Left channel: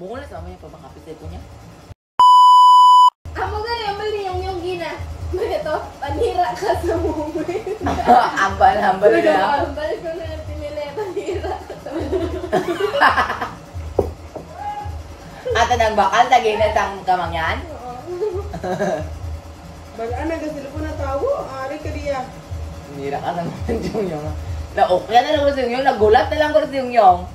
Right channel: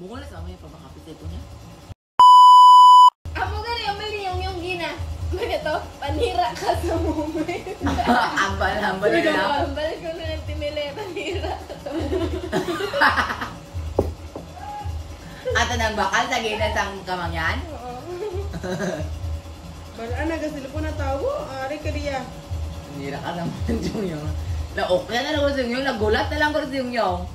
Bungo na sa mga yung pabakapit ito niya. Amo gani ang mali yung gina. Ganito, panira ka sa moment. Ambal na. Ambal ko na yung tinili, panira ka sa moment. Ato nang bakal, lagay na sang kamangyan. Balaan na kasi po na tawo. Ari ka diya. Nira ka naman yung na-okya na lang ko sa yung nagulat na lang ko sa yung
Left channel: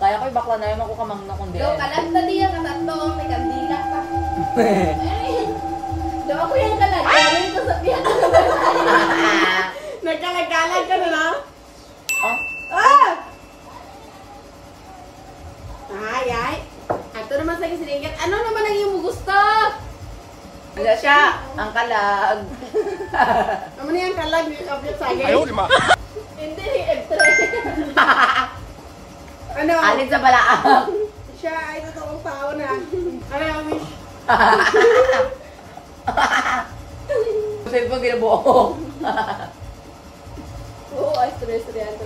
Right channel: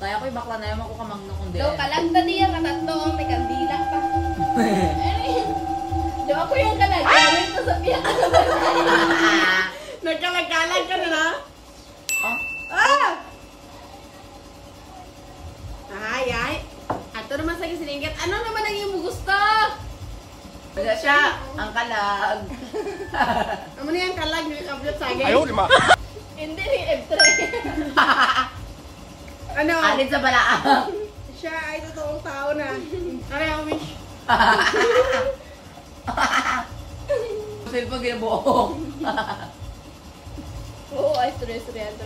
kaya ko'y bakla na yung ako kamang na kundi. Do, kalagta niya, katatlo ang may kandila pa. Do, ako yung kalagay ko sa tiyan. Nagkalag-kalag ka na na? Oh? Ah! Ay. Ato naman sa kisiningkat. Ano naman ang iyong gusto? Wala siya, ang kalag. Ano na yung kalag ni Kapit Sagay? Ayaw, lima. Hindi ni F3. Ano? Alin sa balaang. Siya ay totoong tao na. Ano yung wish? Cellphone ginabuo. Oo, ay stress yan.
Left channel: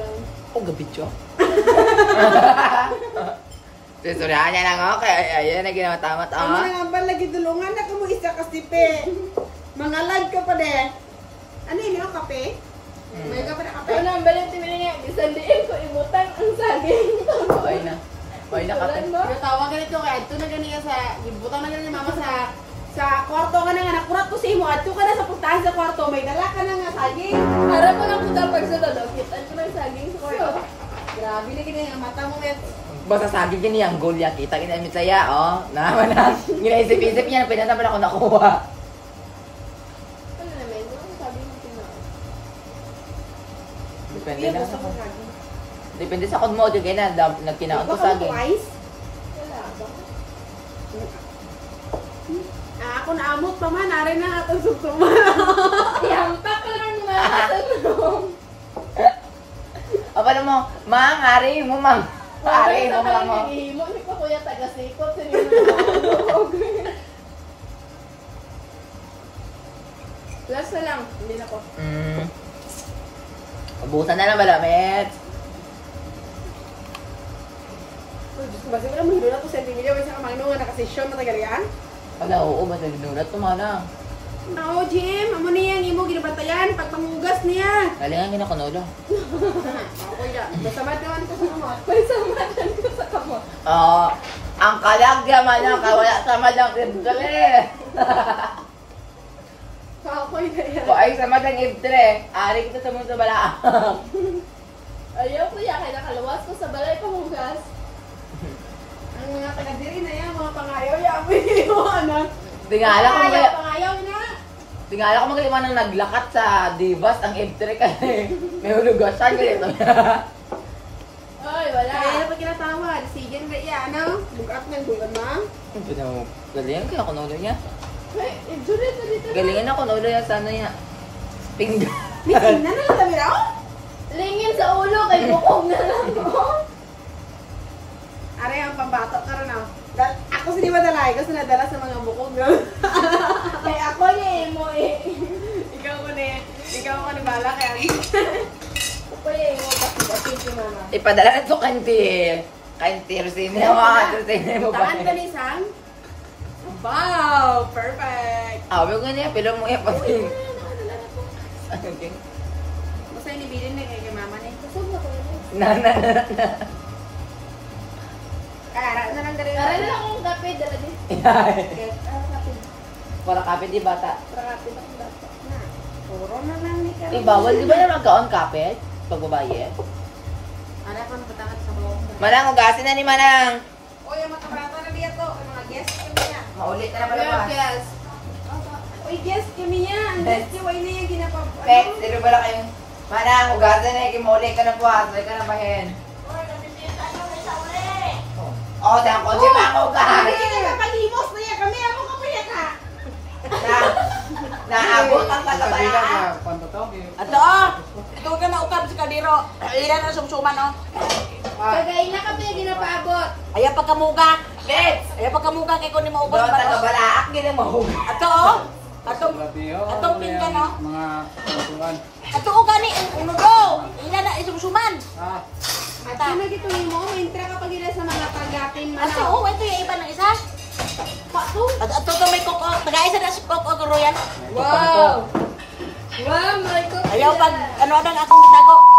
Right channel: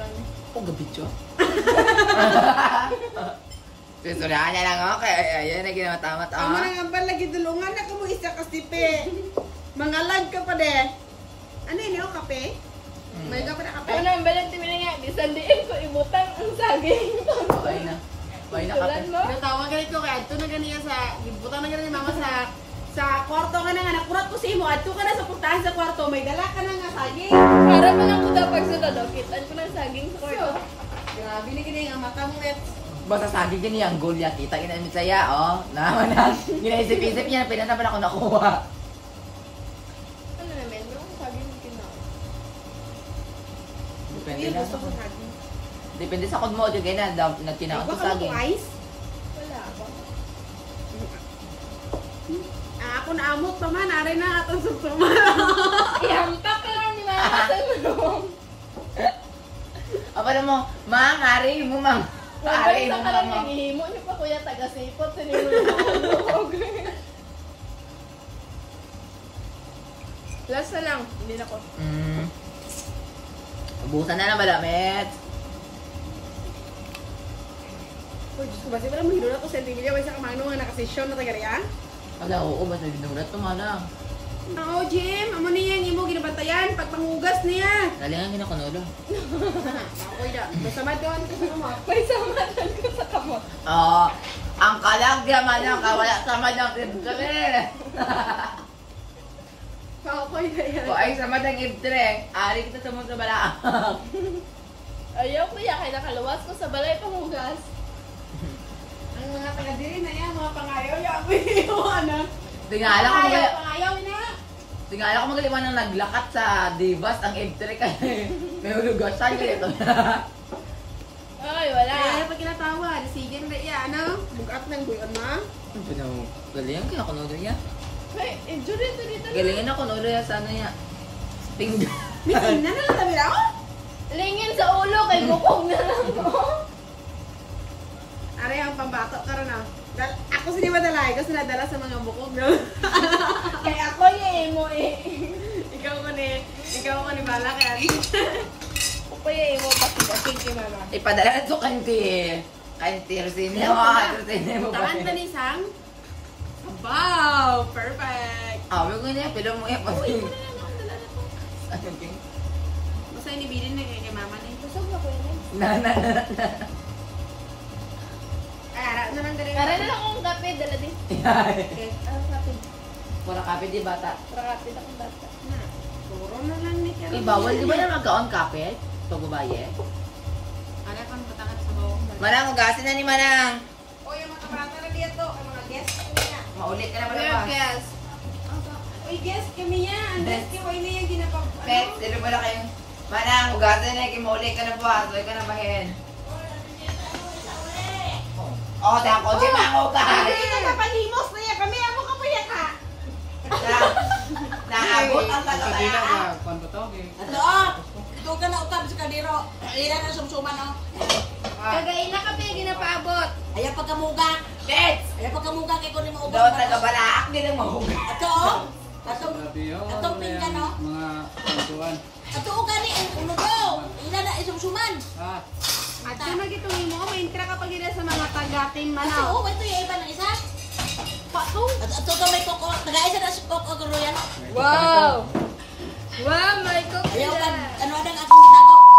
Oh, gabityo. Susuryahan niya lang ako, kaya ayun na ginamatamat Ang mga ambal lagi dulungan na ka mo isa kasipe. Mangalag ka pa de. Ano yun yung kape? May ka pa na kape? Ano ang balang timili niya? Isandiin ko, ibutan ang saging. Okay na. Okay na kapit. Natawag ganit ko kaya ito na ganiya sa gibutan na ganit ni mama sa kwarto ka na nga nakurat ko sa imo adto ka na sa puntahan sa kwarto may dala ka na nga saging. Para pa lang punta pag sa lolo, kitaan ko ng saging sa kwarto. Grabe na gini ang mata mo met. Basta saging gini ang goal ya. Kita kinamit saya, oh. Naman na. Ginaisip-isip niya, pinasa pala ako nakuha. Ano naman? Yung saging mo kinaon. Depende Hindi lang. gusto ko saging. Depende sa kung mo, yung ganyan, nagkinaon ko Baka mo saging. ko ice? Wala ba? Ako naamot pa man, aray na atong sumsuma. Ihampak ka lang ni Mama sa loob. Apa na mo, mang, ari mo, mang. Ari mo, mang mo. Ihimo niyo pa kuya taga-sipot. Sinino na Lasa lang. Hindi na ko. Ubusan na lang malamit. Oh, Diyos ko, basi wala mahiro na to sentimilya. May sa kamangno nga nakasesyon na tagalian. Wala, oo, basta ginulat to mana. Oo, Jim. Amo niya yung imo ginabantayan. Pagpangugas niya. Dalingan ginakunola. Ako ya. Basamad naman ko sa kamot. May samatan ko sa kamot. Oo. Ang kalag diya man lang, kawala sa madang ibtre. Kakoy na yan. Kung ay sa madang ibtre, ari kita sa mga balaang. Ayaw kuya, kaya nakaluwas ko sa balay pamugas. Ang mga taga-diri na yan, mga pangayaw yabi. Yung ano. Tingala ko Pangayaw, mga pangayaw na. tingala ko mga nang naglakat sa Divas ang ibtre kay may hulugasan ganito. Ay, wala. Kaya pag kinatawad, sige na iya, ano? Bugat ng buwan ma. Galingan kaya kunola niya. Ay, dito. Galingan na kunola niya sana niya. Tingga. Meeting na lang sabi na, oh. Lingin sa ulo, kay bukong na lang mo. Ari ang pambato ka rin ah. Ako sa di ba dalay? Kasi nadala sa mga bukog no? Kaya ako niya mo eh. Ikaw ko ni bala kaya. Kaya mo kasi mama. Ipadala na to kanti. Kanti Rosina mo, Rosina mo ba? Tangan ba ni Sang? Wow! Perfect! Ah, wag ko niya pilong mo ipa. Uy, wala na ako, dala na ko. Ano king? Basta inibilin na kay mama ni. Busog na ko yun. Na. Ara na lang dali. Aral lang yung kape, dala din. Okay. Kape. Para kapit di bata. Kape na kung data. Na. Puro na lang ni Karo. Eh, bawal di ba na magkaon kapit? Pag babaye? Ara ko na batangat sa bawang. Manang, ugasin na ni Manang. O yung mga bata na dito, ang mga guests kami niya. Maulit ka na pala ba? Yes. Uy, guest kami niya. Ang guest kami na yung ginapag... Pet, sino pala kayo? Manang, ugasin na, kimaulit ka na po. Asway ka na bahin. Oh, dahil ko si Mango ka. Kaya napalimos na yan kami. Ako kapuya ka. Naabot ang Kadila tagabala. ka, pantotok eh. Ato, oh! Ito ka na ukab sa kadiro. Ilan na sumsuman, oh. Kagain na kape, ginapaabot. Ayaw pagkamuga. Let's! Ayaw pagkamuga kay kunin mo ubos. Doon tagabalaak din ang mahuga. Ato, oh! Ato, Grabe yun. atong pinggan, no? Mga pantuan. ato, oh, gani. Uno do. Ilan na isumsuman. Ah, At yun na gito mo, may intra kapag ila sa mga tagakin Kasi ano. ito yung iba ng isa. At ito may koko. Nag-aisa na si koko guro yan. Wow! Wow, my God. Ayaw pag ano ang akong gitago.